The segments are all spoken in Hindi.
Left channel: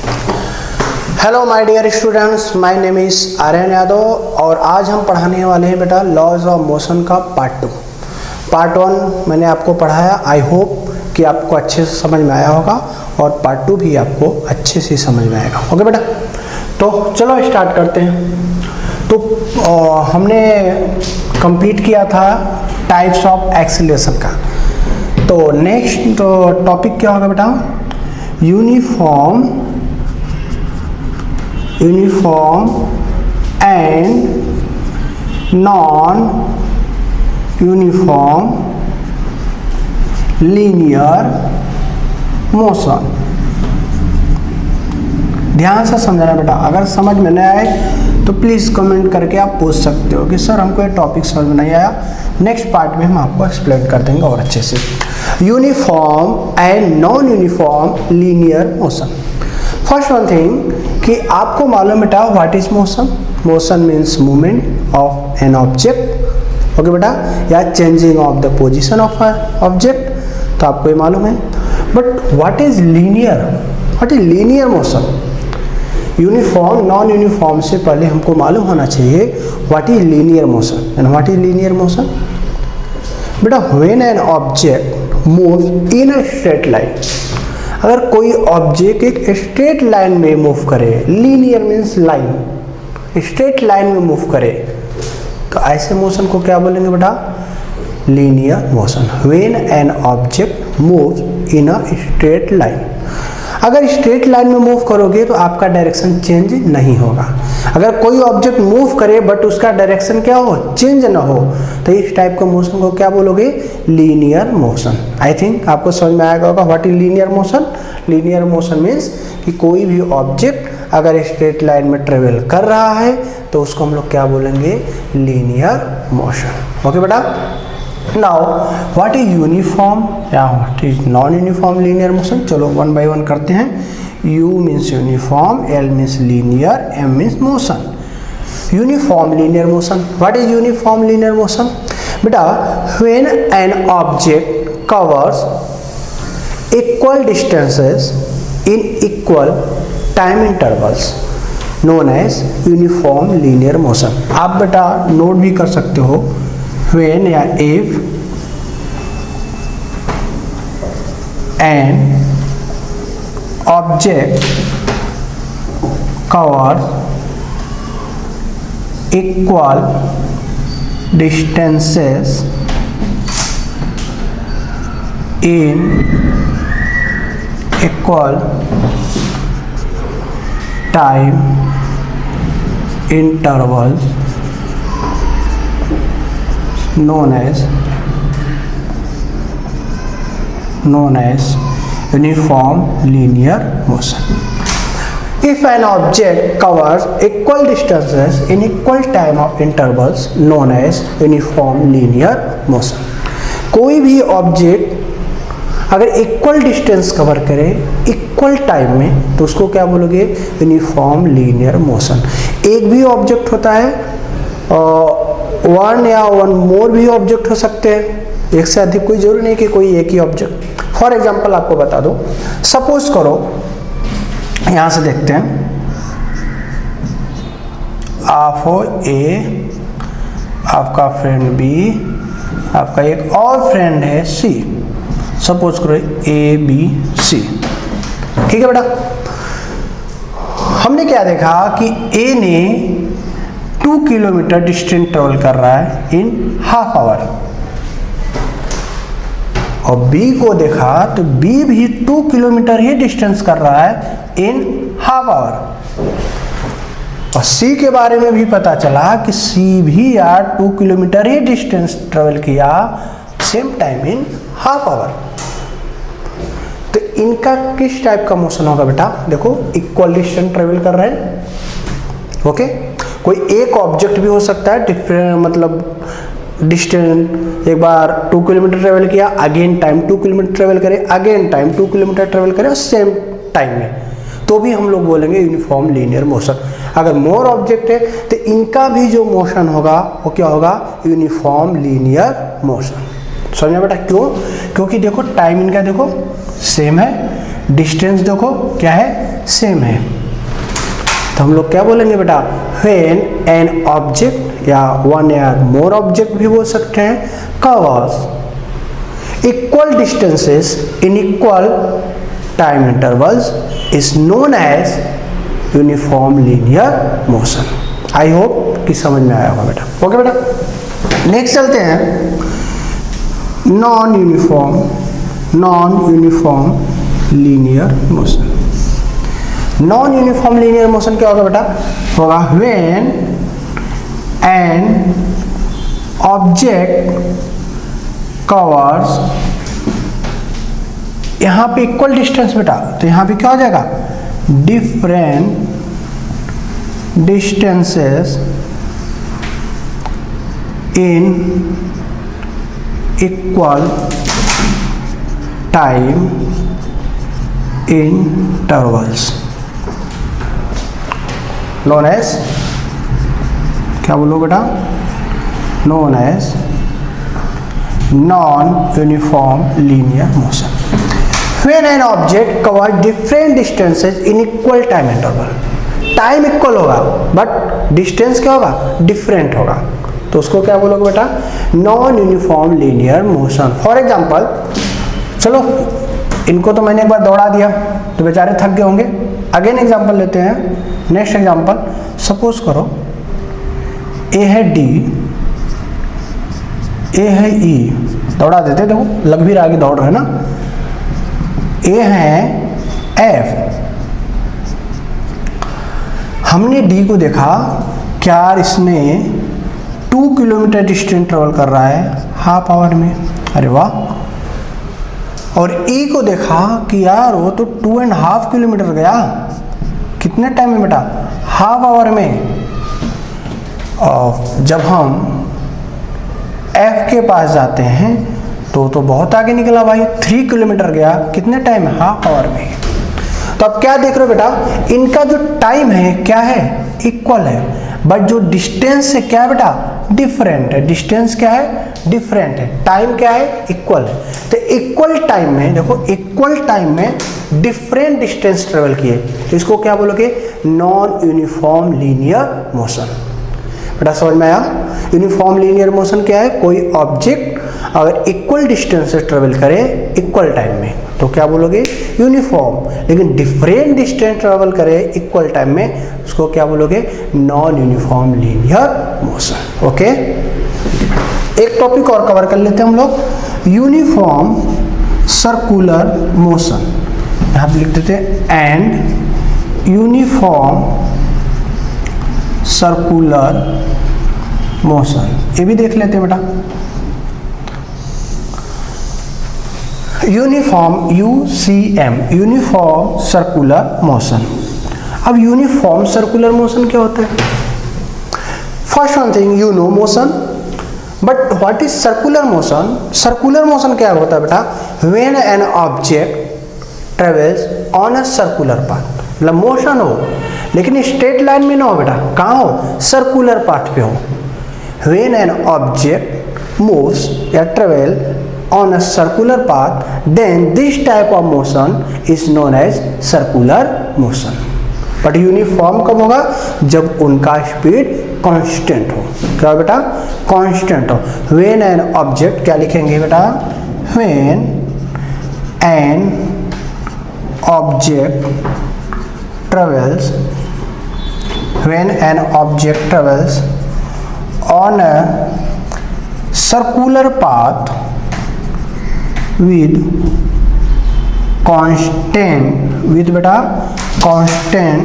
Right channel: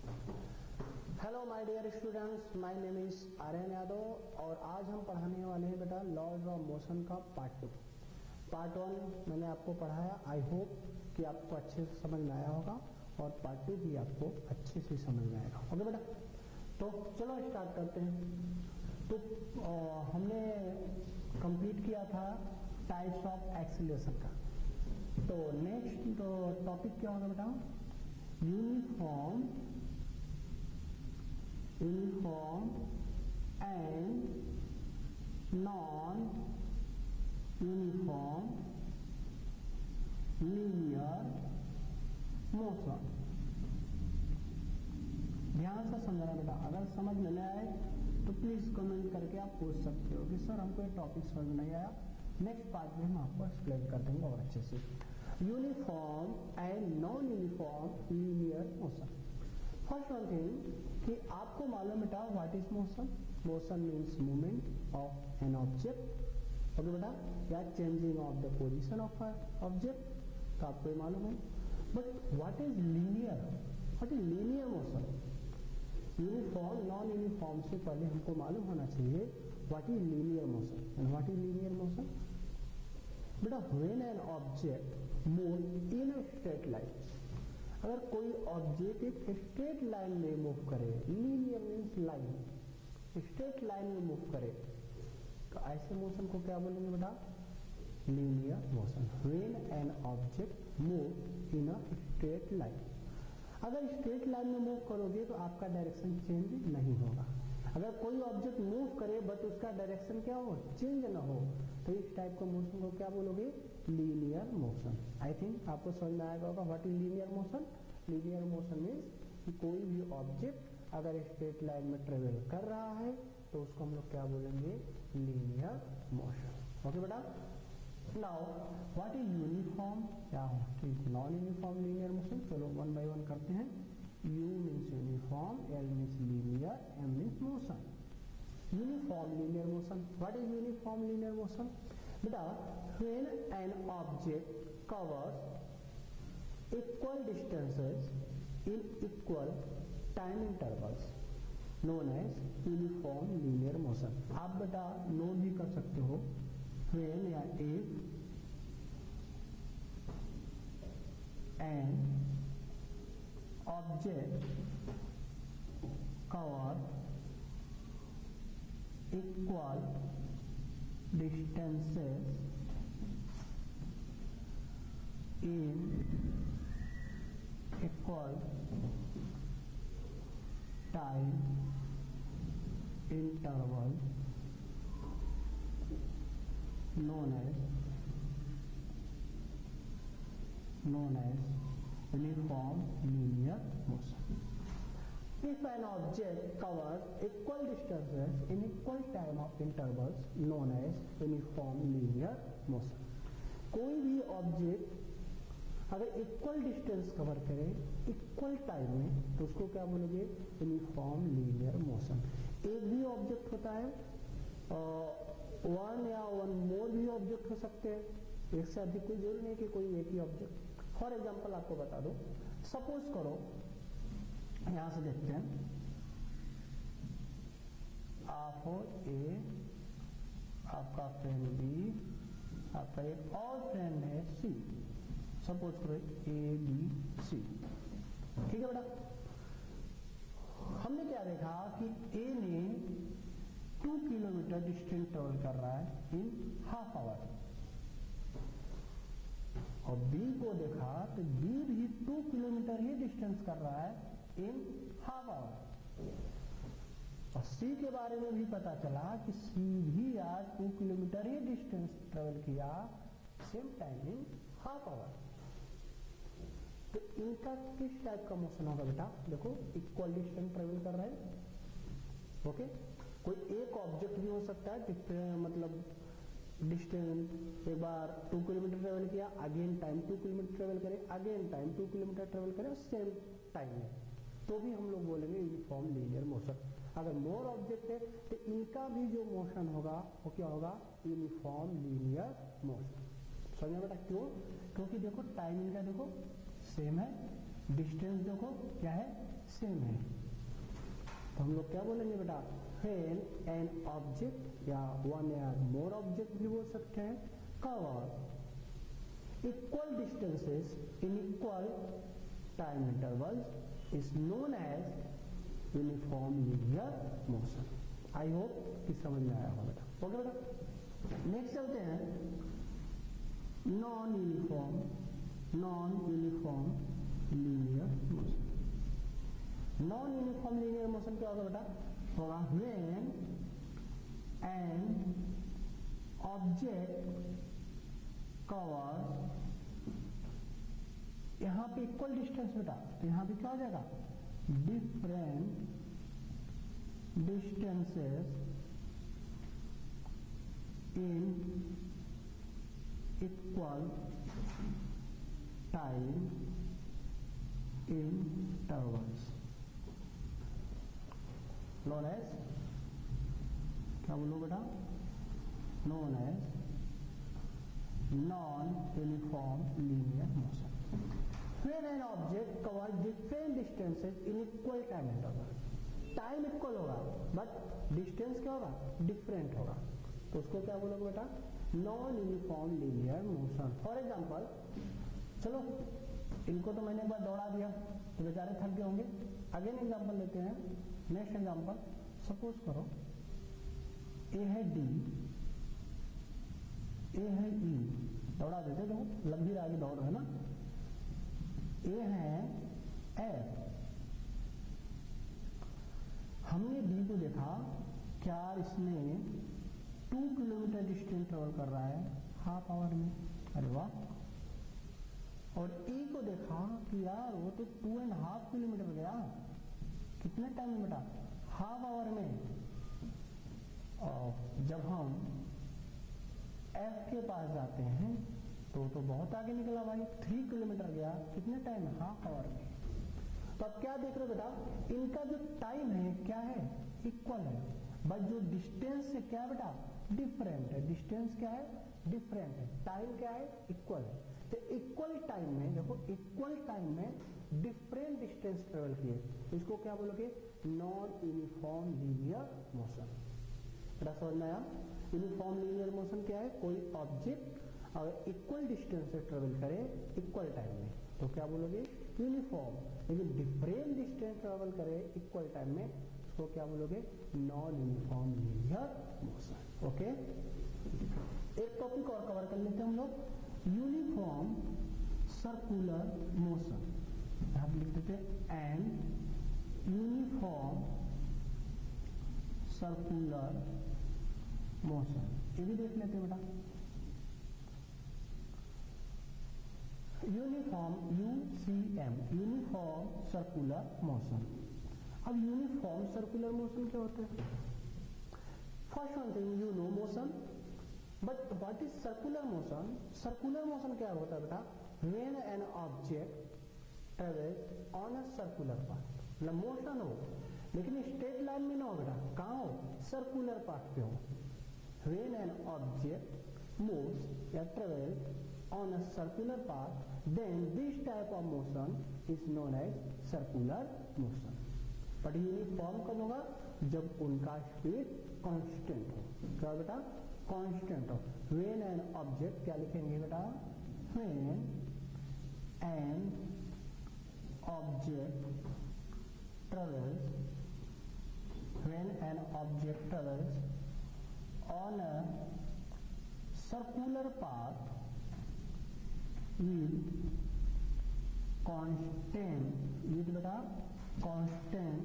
Hello my dear students, my name is Aryan Yadav और आज हम पढ़ाने वाले हैं बेटा लॉज ऑफ मोशन का पार्ट 2। पार्ट 1 मैंने आपको पढ़ाया, आई होप कि आपको अच्छे से समझ में आया होगा और पार्ट 2 भी आपको अच्छे से समझ में आएगा। ओके बेटा, तो चलो स्टार्ट करते हैं। तो हमने कंप्लीट किया था टाइप्स ऑफ एक्सीलरेशन का। तो नेक्स्ट टॉपिक क्या होगा बेटा? Uniform and non uniform linear motion. ध्यान से समझना बेटा, अगर समझ में नहीं आए तो प्लीज़ कमेंट करके आप पूछ सकते हो कि सर हमको ये टॉपिक समझ में नहीं आया। नेक्स्ट पार्ट में हम आपको एक्सप्लेन कर देंगे और अच्छे से। Uniform and non uniform linear motion. First one thing कि आपको मालूम बेटा what is motion? Motion means movement of an object. Okay बेटा, या changing of the position of object, तो आपको ये मालूम है। But what is linear? What is linear motion? Uniform non uniform से पहले हमको मालूम होना चाहिए what is linear motion. And what is linear motion? बेटा when an object move in a straight line, अगर कोई ऑब्जेक्ट एक स्ट्रेट लाइन में मूव करे, linear means line, straight line में मूव करे, तो ऐसे मोशन को क्या बोलेंगे बेटा? Linear motion. When an object move in a straight line, अगर स्ट्रेट लाइन में मूव करोगे तो आपका डायरेक्शन चेंज नहीं होगा। अगर कोई ऑब्जेक्ट मूव करे बट उसका डायरेक्शन क्या हो, चेंज ना हो, तो इस टाइप का मोशन को क्या बोलोगे? Linear motion. आई थिंक आपको समझ में आएगा होगा what is linear motion. Linear motion means कि कोई भी ऑब्जेक्ट अगर स्ट्रेट लाइन में ट्रेवल कर रहा है तो उसको हम लोग क्या बोलेंगे? Linear motion. ओके बेटा, नाउ व्हाट इज यूनिफॉर्म या what is non uniform linear motion? चलो वन बाय वन करते हैं। U means uniform, L means linear, M means motion. Uniform linear motion. What is uniform linear motion? बेटा when an object covers equal distances in equal time intervals known as uniform linear motion. आप बेटा नोट भी कर सकते हो, when या if an object covers equal distances in equal time intervals known as uniform linear motion. If an object covers equal distances in equal time of intervals known as uniform linear motion. कोई भी ऑब्जेक्ट अगर इक्वल डिस्टेंस कवर करे इक्वल टाइम में तो उसको क्या बोलोगे? Uniform linear motion. एक भी ऑब्जेक्ट होता है, वन या वन मोर भी ऑब्जेक्ट हो सकते हैं, एक से अधिक कोई जरूरी नहीं कि कोई एक ही ऑब्जेक्ट। फॉर एग्जांपल आपको बता दो, सपोज करो यहां से देखते हैं, आप हो ए, आपका फ्रेंड बी, आपका एक और फ्रेंड है सी। सपोज करो ए बी सी, ठीक है बेटा। हमने क्या देखा कि ए ने 2 किलोमीटर डिस्टेंस ट्रेवल कर रहा है इन हाफ आवर, और बी को देखा तो बी भी 2 किलोमीटर ही डिस्टेंस कर रहा है इन हाफ आवर, और सी के बारे में भी पता चला कि सी भी यार 2 किलोमीटर ही डिस्टेंस ट्रेवल किया same time in half hour. तो इनका किस टाइप का मोशन होगा बेटा? देखो इक्वल डिस्टेंस ट्रेवल कर रहे हैं, ओके। कोई एक ऑब्जेक्ट भी हो सकता है, डिफरेंट मतलब डिस्टेंस, एक बार 2 किलोमीटर ट्रेवल किया, अगेन टाइम 2 किलोमीटर ट्रेवल करे, अगेन टाइम 2 किलोमीटर ट्रेवल करे सेम टाइम में, तो भी हम लोग बोलेंगे यूनिफॉर्म लीनियर मोशन। अगर मोर ऑब्जेक्ट है तो इनका भी जो मोशन होगा वो क्या होगा? Uniform linear motion. समझा बेटा? क्यों? क्योंकि देखो टाइम इनका देखो सेम है, डिस्टेंस देखो क्या है, सेम है। तो हम लोग क्या बोलेंगे बेटा, व्हेन एन ऑब्जेक्ट या वन या मोर ऑब्जेक्ट भी बोल सकते हैं, covers equal distances in equal time intervals is known as uniform linear motion. I hope कि समझ में आया होगा बेटा। ओके बेटा, नेक्स्ट चलते हैं non uniform linear motion. Non uniform linear motion क्या होगा बेटा, होगा व्हेन एन ऑब्जेक्ट कवर्स, यहां पे इक्वल डिस्टेंस बेटा, तो यहां पे क्या हो जाएगा, different distances in equal time intervals known as, क्या बोलो बेटा, known as non uniform linear motion. When an object cover different distances in equal time interval, time equal होगा बट डिस्टेंस क्या होगा, डिफरेंट होगा, तो उसको क्या बोलोगे बेटा, non uniform linear motion. For example, चलो इनको तो मैंने एक बार दौड़ा दिया तो बेचारे थक गए होंगे, अगेन एग्जांपल लेते हैं। नेक्स्ट एग्जांपल, सपोज करो ए है डी, ए है ई, दौड़ा देते, देखो लग भी रहा है कि दौड़ रहे हैं ना, ए है एफ। हमने डी को देखा, क्या इसने 2 किलोमीटर डिस्टेंस ट्रेवल कर रहा है हाफ आवर में, अरे वाह। और ई को देखा कि यार वो तो 2.5 किलोमीटर गया, कितने टाइम में बेटा, हाफ आवर में। और जब हम एफ के पास जाते हैं तो बहुत आगे निकला भाई, 3 किलोमीटर गया, कितने टाइम में, हाफ आवर में। तो अब क्या देख रहे हो बेटा, इनका जो टाइम है क्या है, इक्वल है, बट जो डिस्टेंस है क्या है बेटा, डिफरेंट है। डिस्टेंस क्या है, डिफरेंट है, टाइम क्या है, इक्वल है। तो इक्वल टाइम में देखो, इक्वल टाइम में डिफरेंट डिस्टेंस ट्रेवल किए, तो इसको क्या बोलोगे, नॉन यूनिफॉर्म लीनियर मोशन। बेटा समझ में आया, यूनिफॉर्म लीनियर मोशन क्या है, कोई ऑब्जेक्ट अगर इक्वल डिस्टेंस से ट्रेवल करे इक्वल टाइम में तो क्या बोलोगे, यूनिफॉर्म, लेकिन डिफरेंट डिस्टेंस ट्रेवल करे इक्वल टाइम में, उसको क्या बोलोगे, non uniform linear motion. Okay, एक टॉपिक और कवर कर लेते हैं हम लोग, यूनिफॉर्म सर्कुलर मोशन। यहां पे लिख देते हैं एंड यूनिफॉर्म सर्कुलर मोशन, ये भी देख लेते हैं बेटा। Uniform, UCM, uniform circular motion. अब यूनिफॉर्म सर्कुलर मोशन क्या होता है, first one thing you know motion, but what is circular motion. Circular motion क्या होता है बेटा, when an object travels on a circular path, मतलब मोशन हो लेकिन स्ट्रेट लाइन में ना हो बेटा, कहाँ हो, सर्कुलर पाथ पे हो। व्हेन एन ऑब्जेक्ट मूव्स या travel on a circular path, then this type of motion is known as circular motion. But uniform कब होगा, जब उनका स्पीड कांस्टेंट हो। क्या बेटा, कांस्टेंट हो। When an object, क्या लिखेंगे बेटा, when an object travels, when an object travels on a circular path with constant, with बेटा constant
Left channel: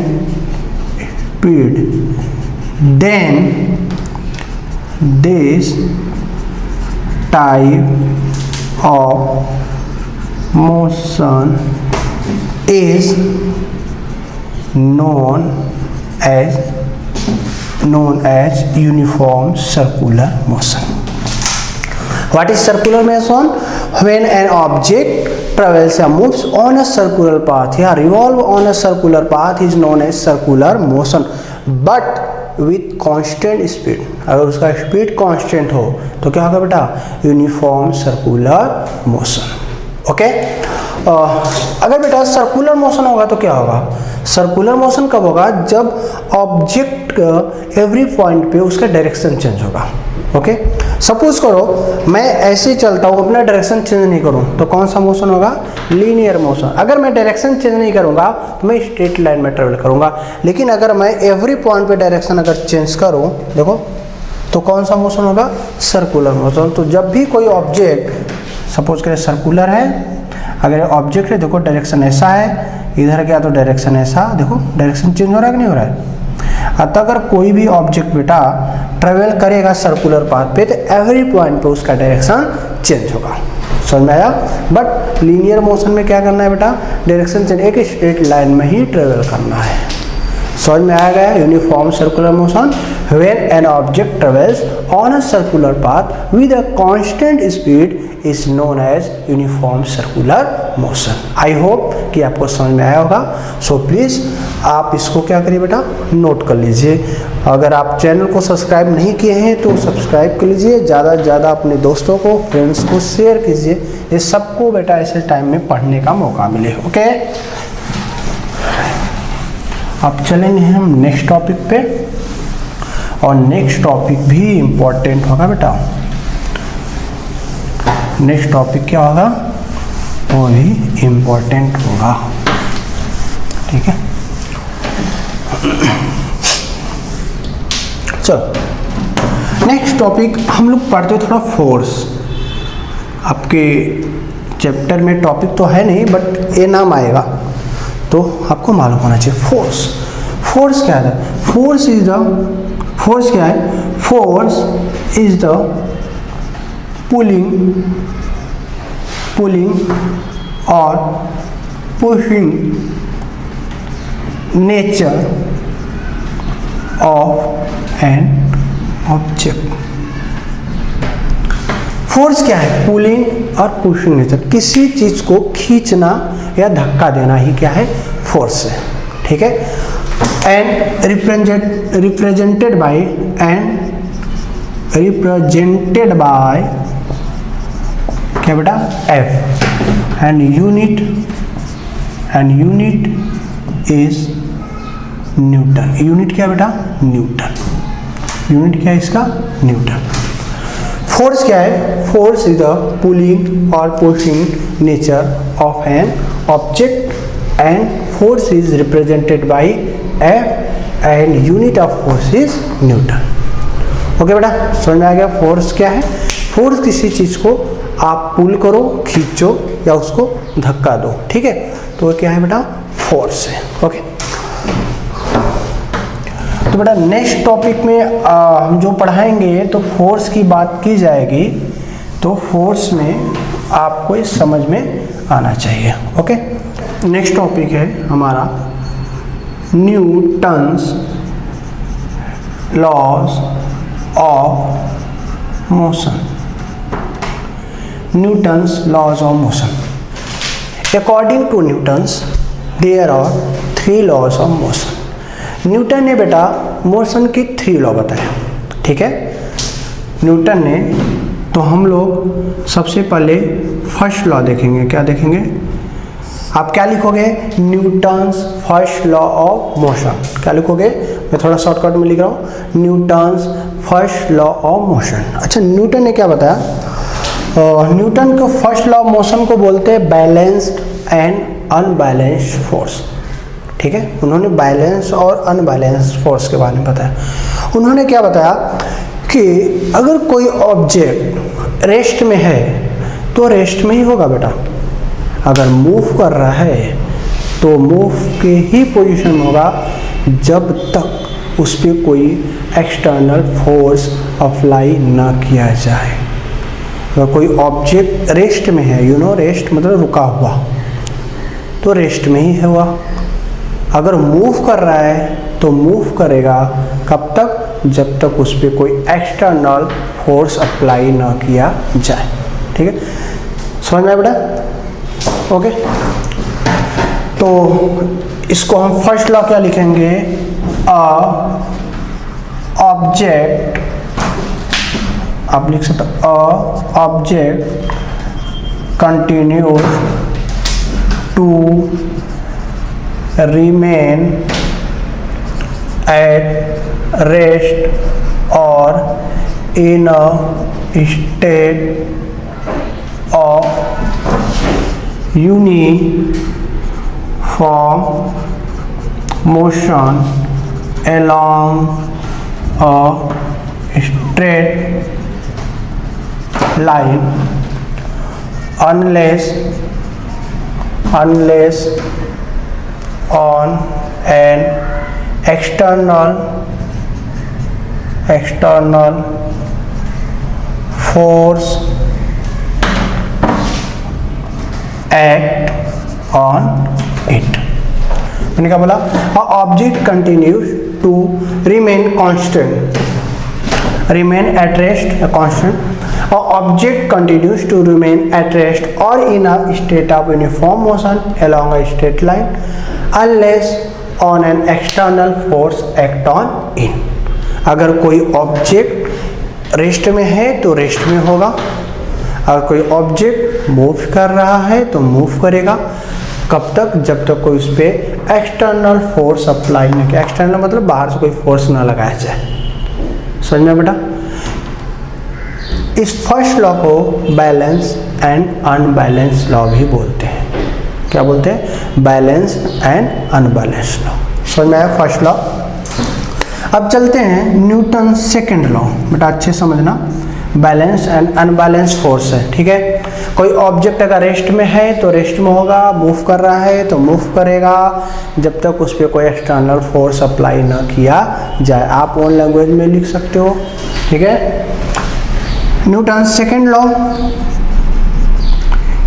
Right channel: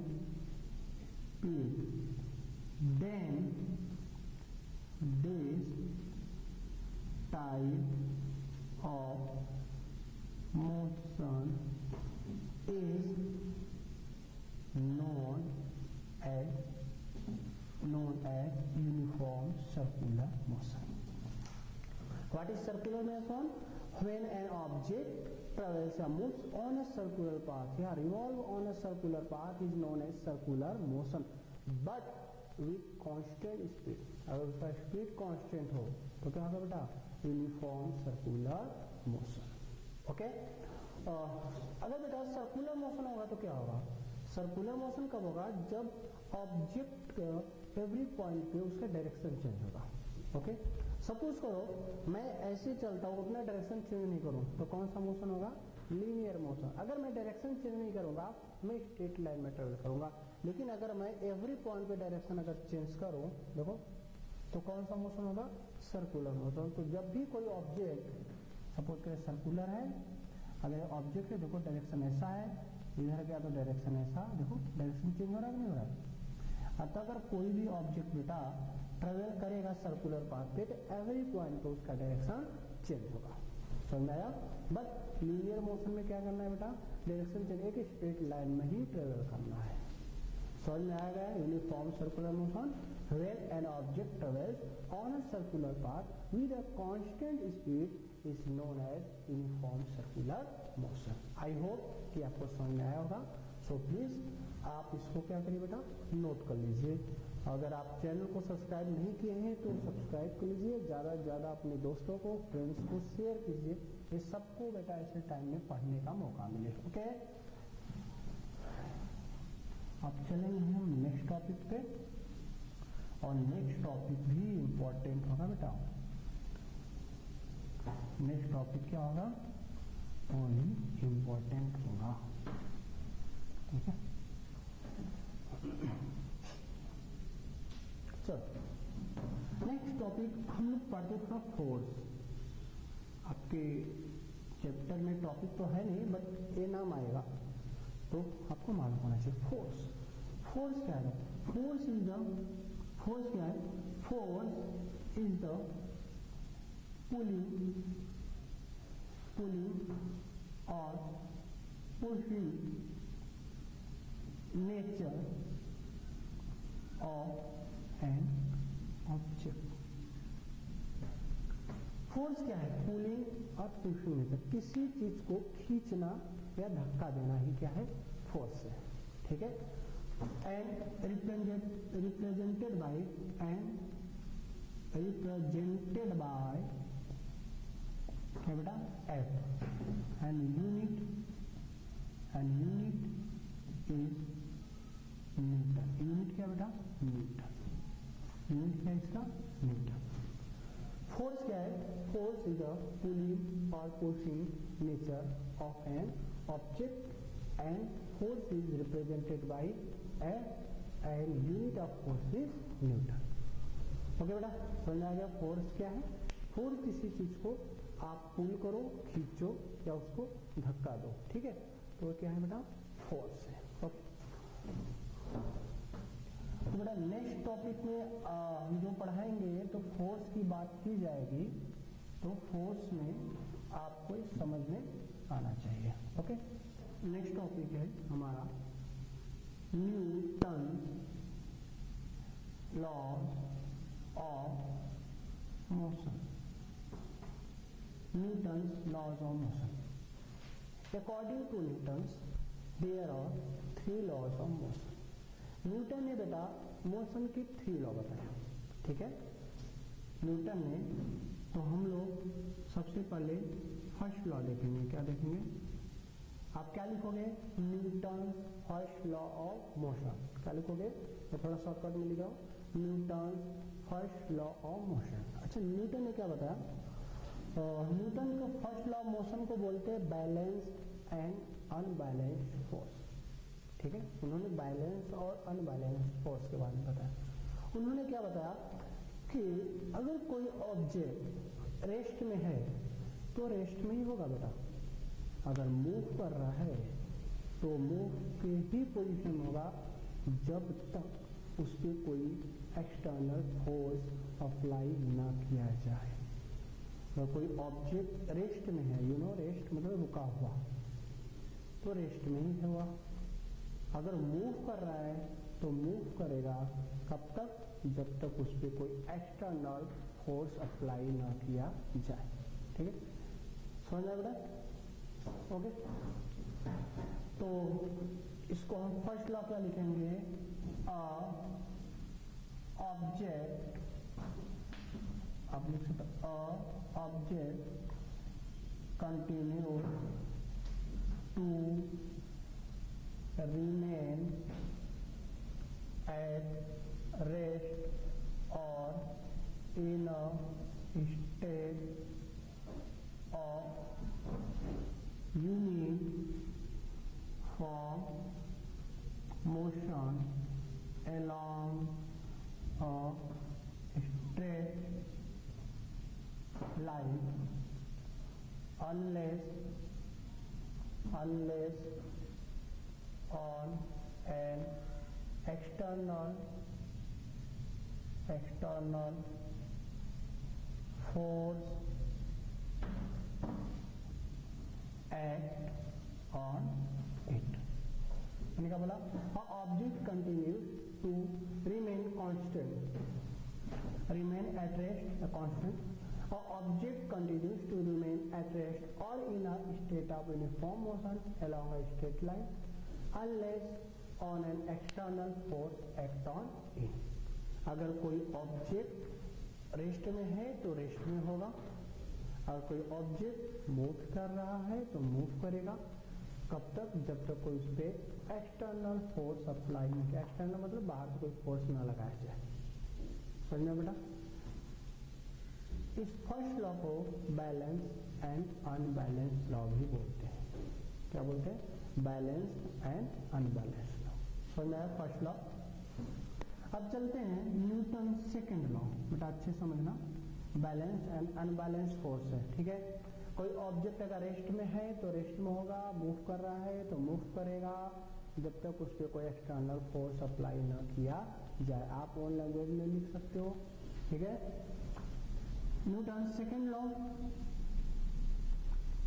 speed, then this type of motion is known as uniform circular motion. What is circular motion? When an object travels or moves on a circular path या revolve on a circular path is known as circular motion, but with constant speed. अगर उसका स्पीड कांस्टेंट हो तो क्या होगा बेटा, यूनिफॉर्म सर्कुलर मोशन। ओके, अगर बेटा सर्कुलर मोशन होगा तो क्या होगा, सर्कुलर मोशन कब होगा, जब ऑब्जेक्ट एवरी पॉइंट पे उसका डायरेक्शन चेंज होगा। ओके, सपोज करो मैं ऐसे ही चलता हूँ, अपना डायरेक्शन चेंज नहीं करूँ तो कौन सा मोशन होगा, लीनियर मोशन। अगर मैं डायरेक्शन चेंज नहीं करूँगा तो मैं स्ट्रेट लाइन में ट्रेवल करूँगा, लेकिन अगर मैं एवरी पॉइंट पे डायरेक्शन अगर चेंज करूँ, देखो तो कौन सा मोशन होगा, सर्कुलर मोशन। तो जब भी कोई ऑब्जेक्ट सपोज करें सर्कुलर है, अगर ऑब्जेक्ट है देखो डायरेक्शन ऐसा है, इधर गया तो डायरेक्शन ऐसा, देखो डायरेक्शन चेंज हो रहा है कि नहीं हो रहा है। अतः अगर कोई भी ऑब्जेक्ट बेटा ट्रेवल करेगा सर्कुलर पाथ पे तो एवरी पॉइंट पे उसका डायरेक्शन चेंज होगा। समझ में आया। बट लीनियर मोशन में क्या करना है बेटा, डायरेक्शन चेंज, एक स्ट्रेट लाइन में ही ट्रेवल करना है। समझ में आ गया। Uniform circular motion when an object travels on a circular path with a constant speed is known as uniform circular motion। I hope कि आपको समझ में आया होगा। सो प्लीज़ आप इसको क्या करिए बेटा, नोट कर लीजिए। अगर आप चैनल को सब्सक्राइब नहीं किए हैं तो सब्सक्राइब कर लीजिए, ज़्यादा से ज़्यादा अपने दोस्तों को, फ्रेंड्स को शेयर कीजिए, ये सबको बेटा ऐसे टाइम में पढ़ने का मौका मिले। ओके, अब चलेंगे हम नेक्स्ट टॉपिक पे, और नेक्स्ट टॉपिक भी इम्पोर्टेंट होगा बेटा। नेक्स्ट टॉपिक क्या होगा, वो भी इम्पोर्टेंट होगा। ठीक है, चलो नेक्स्ट टॉपिक हम लोग पढ़ते थोड़ा फोर्स। आपके चैप्टर में टॉपिक तो है नहीं, बट ये नाम आएगा तो आपको मालूम होना चाहिए। फोर्स, फोर्स क्या है, फोर्स इज द, फोर्स क्या है, फोर्स इज द पुलिंग और pushing nature of an object. Force क्या है, पुलिंग और पुशिंग नेचर, किसी चीज को खींचना या धक्का देना ही क्या है, फोर्स है। ठीक है, एंड रिप्रेजेंटेड बाय क्या बेटा, F, and unit is Newton. Unit क्या बेटा, न्यूटन। यूनिट क्या है इसका, न्यूटन। फोर्स क्या है, फोर्स इज द पुलिंग और pushing nature of an object and force is represented by F and unit of force is Newton. Okay बेटा, समझ में आ गया। फोर्स क्या है, फोर्स किसी चीज को आप पुल करो, खींचो या उसको धक्का दो। ठीक है, तो क्या है बेटा, फोर्स है। ओके, तो बेटा नेक्स्ट टॉपिक में हम जो पढ़ाएंगे तो फोर्स की बात की जाएगी, तो फोर्स में आपको इस समझ में आना चाहिए। ओके, नेक्स्ट टॉपिक है हमारा Newton's laws of motion. Newton's laws of motion. According to Newton's there are 3 laws of motion. Newton ने बेटा मोशन की 3 लॉ बताया। ठीक है, न्यूटन ने, तो हम लोग सबसे पहले फर्स्ट लॉ देखेंगे। क्या देखेंगे, आप क्या लिखोगे, Newton's first law of motion. क्या लिखोगे, मैं थोड़ा शॉर्टकट में लिख रहा हूँ, Newton's first law of motion. अच्छा, न्यूटन ने क्या बताया, न्यूटन को फर्स्ट लॉ ऑफ मोशन को बोलते हैं बैलेंस्ड एंड अनबैलेंस्ड फोर्स। ठीक है, उन्होंने बैलेंस और अनबैलेंस्ड फोर्स के बारे में बताया। उन्होंने क्या बताया कि अगर कोई ऑब्जेक्ट रेस्ट में है तो रेस्ट में ही होगा बेटा, अगर मूव कर रहा है तो मूव के ही पोजीशन में होगा जब तक उस पर कोई एक्सटर्नल फोर्स अप्लाई ना किया जाए। अगर कोई ऑब्जेक्ट रेस्ट में है, रेस्ट मतलब रुका हुआ, तो रेस्ट में ही हुआ। अगर मूव कर रहा है तो मूव करेगा कब तक, जब तक उस पर कोई एक्सटर्नल फोर्स अप्लाई ना किया जाए। ठीक है, समझ में आया बेटा। ओके, तो इसको हम फर्स्ट लॉ क्या लिखेंगे, ऑब्जेक्ट, आप लिख सकते object continuous to remain at rest or in a state of uniform motion along a straight line unless on an external force act on it। मैंने क्या बोला? Object continues to remain constant, remain at rest, a constant, or object continues to remain at rest or in a state of uniform motion along a straight line unless on an external force act on it। अगर कोई ऑब्जेक्ट रेस्ट में है तो रेस्ट में होगा, अगर कोई ऑब्जेक्ट मूव कर रहा है तो मूव करेगा। कब तक? जब तक कोई उस पर एक्सटर्नल फोर्स अप्लाई न किया। एक्सटर्नल मतलब बाहर से कोई फोर्स ना लगाया जाए। समझ में बेटा? इस फर्स्ट लॉ को बैलेंस एंड अनबैलेंस लॉ भी बोलते हैं। क्या बोलते हैं? Balance and unbalance law. समझ में आया फर्स्ट लॉ? अब चलते हैं न्यूटन सेकंड लॉ। बेटा अच्छे समझना, बैलेंस एंड अनबैलेंस फोर्स है, ठीक है। कोई ऑब्जेक्ट अगर रेस्ट में है तो रेस्ट में होगा, मूव कर रहा है तो मूव करेगा जब तक उस पर कोई एक्सटर्नल फोर्स अप्लाई ना किया जाए। आप ओन लैंग्वेज में लिख सकते हो, ठीक है। न्यूटन सेकेंड लॉ,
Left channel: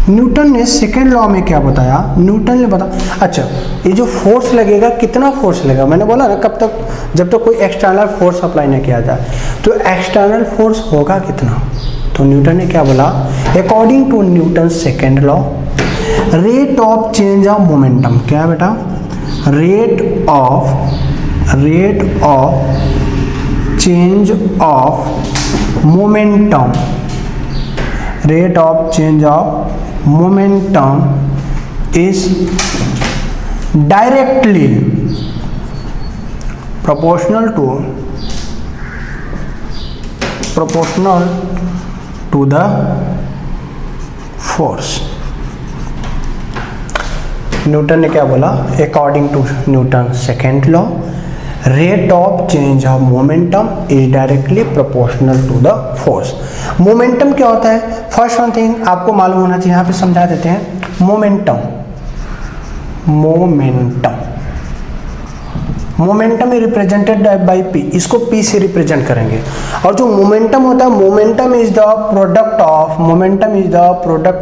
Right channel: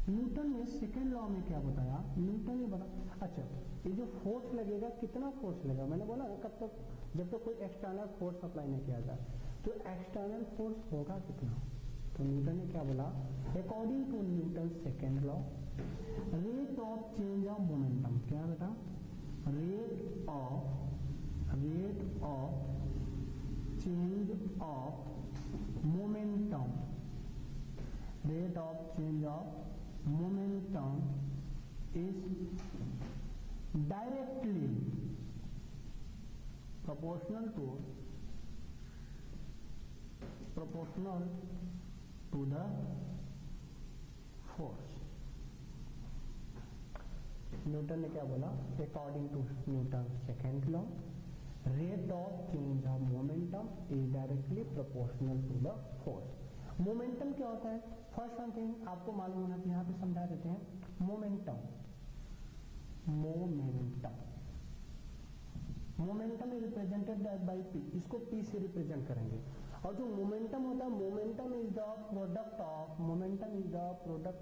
न्यूटन ने सेकेंड लॉ में क्या बताया? न्यूटन ने बताया, अच्छा ये जो फोर्स लगेगा कितना फोर्स लगेगा? मैंने बोला ना कब तक? जब तक कोई एक्सटर्नल फोर्स अप्लाई ना किया जाए। तो एक्सटर्नल फोर्स होगा कितना? तो न्यूटन ने क्या बोला? According to Newton second law rate of change of momentum, क्या है बेटा? Rate of change of momentum, rate of change of momentum is directly proportional to the force। Newton ने क्या बोला? According to Newton second law rate of change of momentum is directly proportional to the force. Momentum क्या होता है? फर्स्ट वन थिंग आपको मालूम होना चाहिए, यहाँ पे समझा देते हैं। Momentum is represented by P, इसको पी से रिप्रेजेंट करेंगे। और जो मोमेंटम होता है, momentum is the product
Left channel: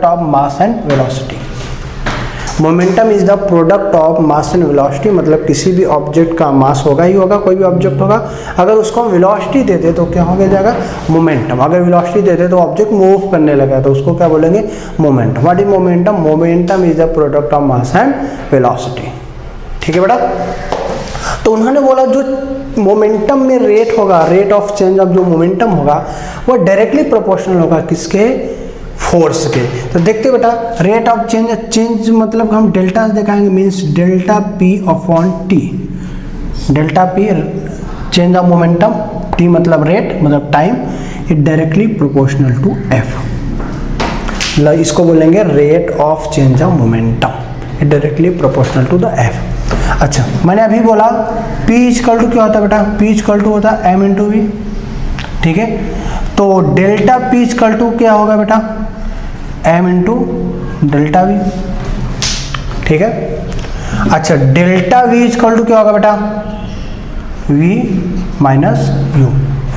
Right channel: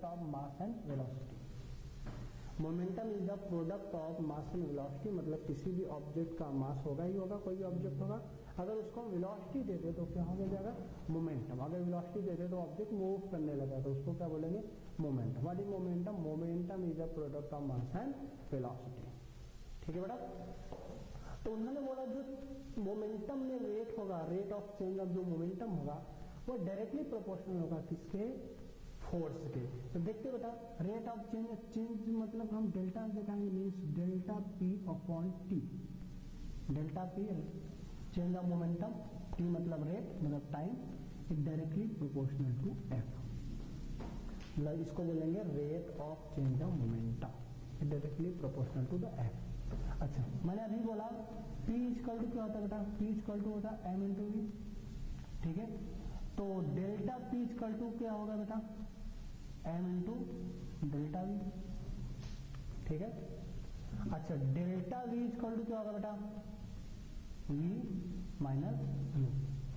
of mass and velocity. Momentum is the product of mass and velocity, मतलब किसी भी ऑब्जेक्ट का मास होगा ही होगा, कोई भी ऑब्जेक्ट होगा, अगर उसको हम वेलोसिटी देते तो क्या हो जाएगा? मोमेंटम। अगर वेलोसिटी देते तो ऑब्जेक्ट मूव करने लगा तो उसको क्या बोलेंगे? Momentum. What is momentum? Momentum is the product of mass and velocity, ठीक है बेटा। तो उन्होंने बोला जो मोमेंटम में रेट होगा, रेट ऑफ चेंज ऑफ जो मोमेंटम होगा वो डायरेक्टली प्रोपोर्शनल होगा किसके? फोर्स के। तो देखते बेटा, रेट ऑफ चेंज मतलब हम डेल्टा दिखाएंगे, means delta P upon T. Delta P change of momentum, T मतलब रेट मतलब time, it directly proportional to F. इसको बोलेंगे rate of change of momentum, it directly proportional to the F. अच्छा, मैंने अभी बोला P इक्वल टू क्या होता है बेटा? P इक्वल टू होता है m इंटू वी, ठीक है। तो डेल्टा P इक्वल टू क्या होगा बेटा? m इंटू डेल्टा वी, ठीक है। अच्छा, डेल्टा V इक्वल टू क्या होगा बेटा? V minus you,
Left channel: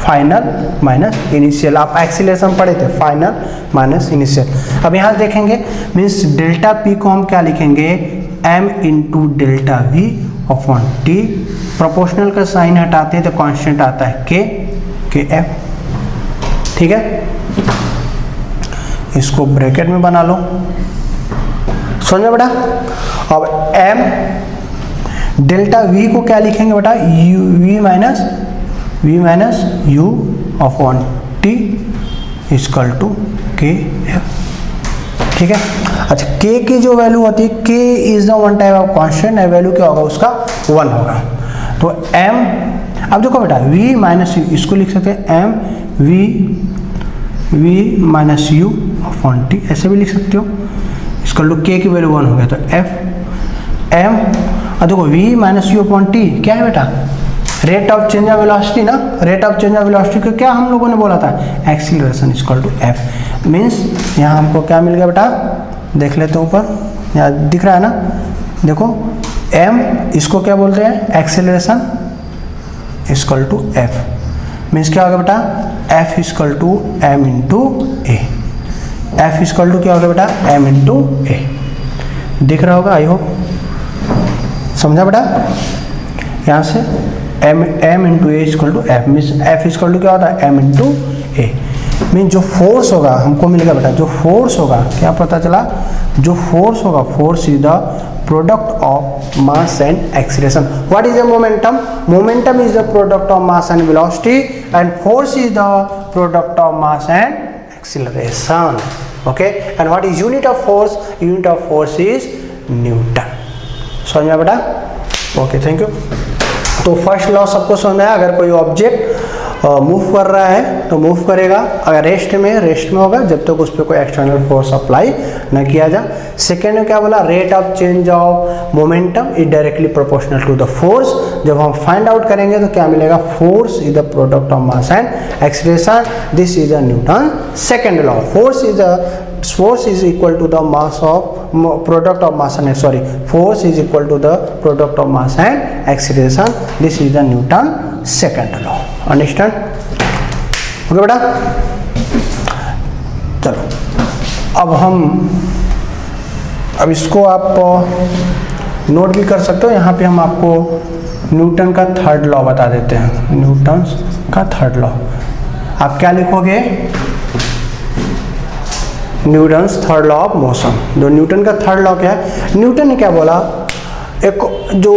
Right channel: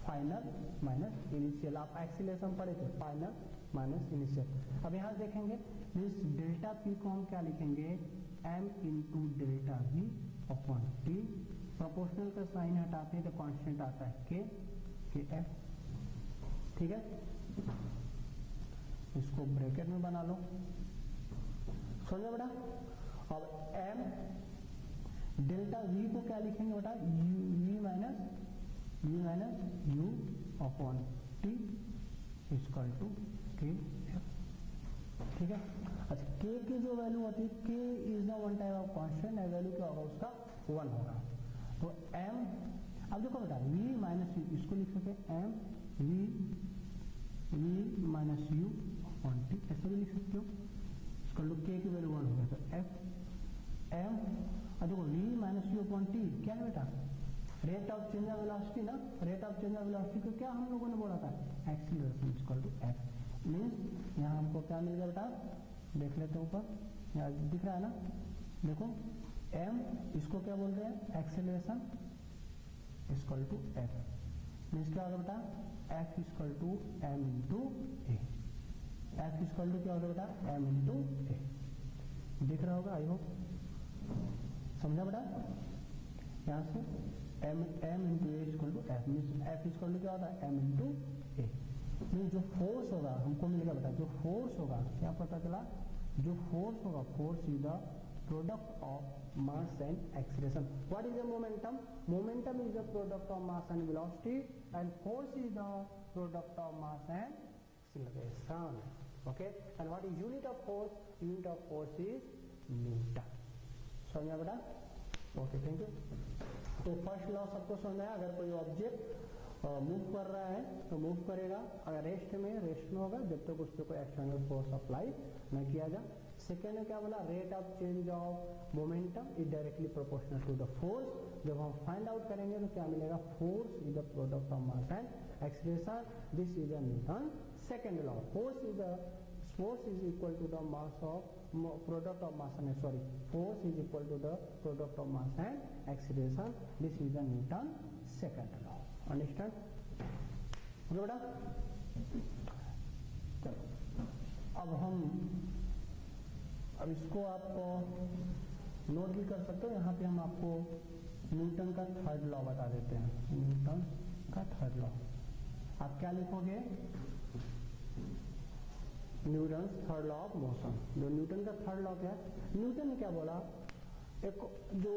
final minus initial. आप एक्सीलरेशन पढ़े थे, फाइनल माइनस इनिशियल। अब यहाँ देखेंगे, मीन्स डेल्टा P को हम क्या लिखेंगे? m into delta we upon T. Proportional का साइन हटाते हैं तो कांस्टेंट आता है के एफ, ठीक है। इसको ब्रैकेट में बना लो, समझो बेटा। अब m डेल्टा v को क्या लिखेंगे बेटा? u v minus u upon T equal to K F, ठीक है। अच्छा k की जो वैल्यू होती है, k is the one type of constant, value क्या होगा उसका 1 होगा। तो m, अब देखो बेटा v माइनस यू, इसको लिख सकते हैं m v minus u upon t, ऐसे भी लिख सकते हो। इसका लो k की वैल्यू 1 हो गया तो f m, और देखो v minus u upon t क्या है बेटा, rate of change of velocity ना, rate of change of velocity को क्या हम लोगों ने बोला था, acceleration equal to f। Means यहाँ हमको क्या मिल गया बेटा, देख लेते हैं ऊपर, यहाँ दिख रहा है ना, देखो m, इसको क्या बोलते हैं, acceleration equal to f। Means क्या होगा बेटा, f equal to m into A, f equal to क्या होगा बेटा, m इंटू ए। दिख रहा होगा, आई होप समझा बेटा। यहाँ से m into A equal to f, means f equal to क्या होता है, m इंटू ए। मीन जो फोर्स होगा हमको मिल गया बेटा, जो फोर्स होगा क्या पता चला, जो फोर्स होगा, force is the product of mass and acceleration. What is the momentum, momentum is the product of mass and velocity and force is the product of mass and acceleration. Okay, and what is unit of force, unit of force is Newton. समझ में बेटा, ओके थैंक यू। तो फर्स्ट लॉ सबको समझ में आया, अगर कोई ऑब्जेक्ट मूव कर रहा है तो मूव करेगा, अगर रेस्ट में होगा जब तक उस पर कोई एक्सटर्नल फोर्स अप्लाई न किया जाए। सेकेंड में क्या बोला, rate of change of momentum is directly proportional to the force. जब हम फाइंड आउट करेंगे तो क्या मिलेगा, force is the product of mass and acceleration, this is the Newton second law. Force is equal to the mass of product of mass and force is equal to the product of mass and acceleration. This is the Newton second law. Understand? Okay बेटा, चलो अब इसको आप नोट भी कर सकते हो। यहाँ पे हम आपको न्यूटन का थर्ड लॉ बता देते हैं, न्यूटन का थर्ड लॉ। आप क्या लिखोगे, Newton's third law of motion. जो न्यूटन का थर्ड लॉ क्या है, न्यूटन ने क्या बोला, एक जो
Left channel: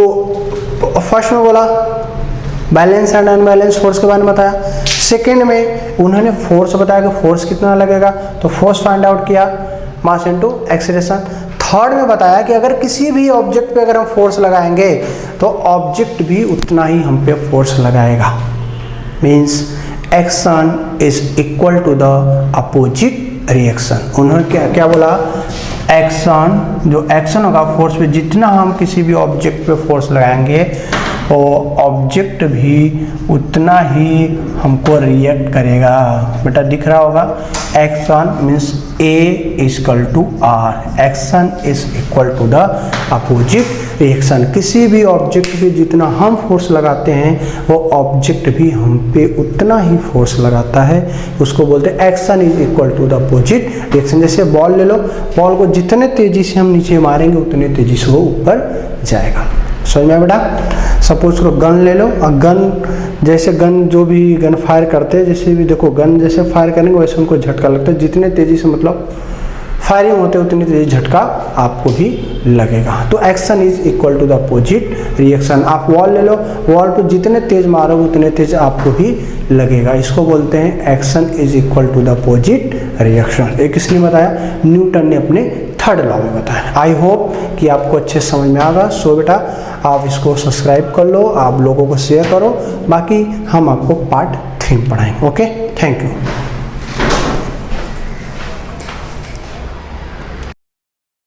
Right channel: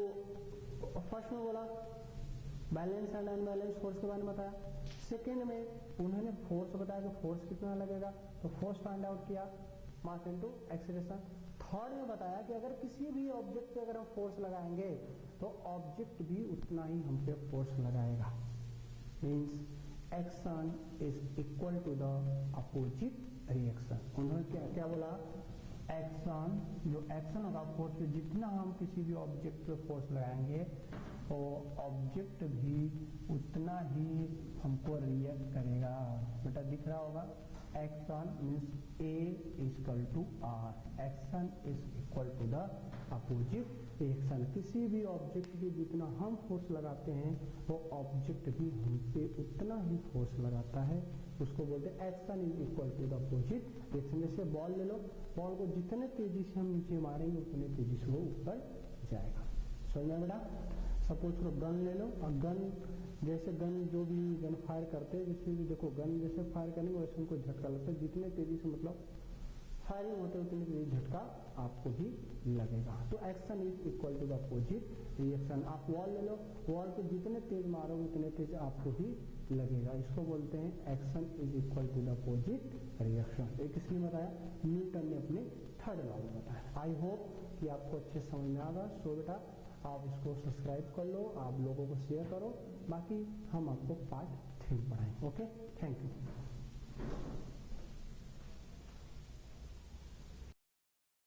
फर्स्ट में बोला बैलेंस एंड अनबैलेंस फोर्स के बारे में बताया, सेकेंड में उन्होंने फोर्स बताया कि फोर्स कितना लगेगा, तो फोर्स फाइंड आउट किया, मास इनटू एक्सीलरेशन। थर्ड में बताया कि अगर किसी भी ऑब्जेक्ट पे अगर हम फोर्स लगाएंगे तो ऑब्जेक्ट भी उतना ही हम पे फोर्स लगाएगा। Means action is equal to the opposite reaction. उन्होंने क्या बोला, एक्शन, जो एक्शन होगा फोर्स पे, जितना हम किसी भी ऑब्जेक्ट पे फोर्स लगाएंगे वो ऑब्जेक्ट भी उतना ही हमको रिएक्ट करेगा। बेटा दिख रहा होगा, action means A equal to R, action is equal to the opposite reaction. किसी भी ऑब्जेक्ट पे जितना हम फोर्स लगाते हैं वो ऑब्जेक्ट भी हम पे उतना ही फोर्स लगाता है, उसको बोलते हैं action is equal to the opposite reaction. जैसे बॉल ले लो, बॉल को जितने तेजी से हम नीचे मारेंगे उतने तेजी से वो ऊपर जाएगा। समझ में बेटा, सपोज करो गन ले लो, और गन जैसे गन जो भी गन फायर करते हैं, जैसे भी देखो गन जैसे फायर करेंगे वैसे उनको झटका लगता है, जितने तेजी से मतलब फायरिंग होते हैं उतनी तेजी झटका आपको भी लगेगा। तो action is equal to the opposite reaction. आप वॉल ले लो, वॉल पे जितने तेज मारोगे उतने तेज आपको भी लगेगा, इसको बोलते हैं action is equal to the opposite reaction. ये किसने बताया, न्यूटन ने अपने थर्ड लॉ में बताया। आई होप कि आपको अच्छे समझ में आएगा। सो बेटा आप इसको सब्सक्राइब कर लो, आप लोगों को शेयर करो, बाकी हम आपको पार्ट 3 पढ़ाएंगे। Okay, thank you.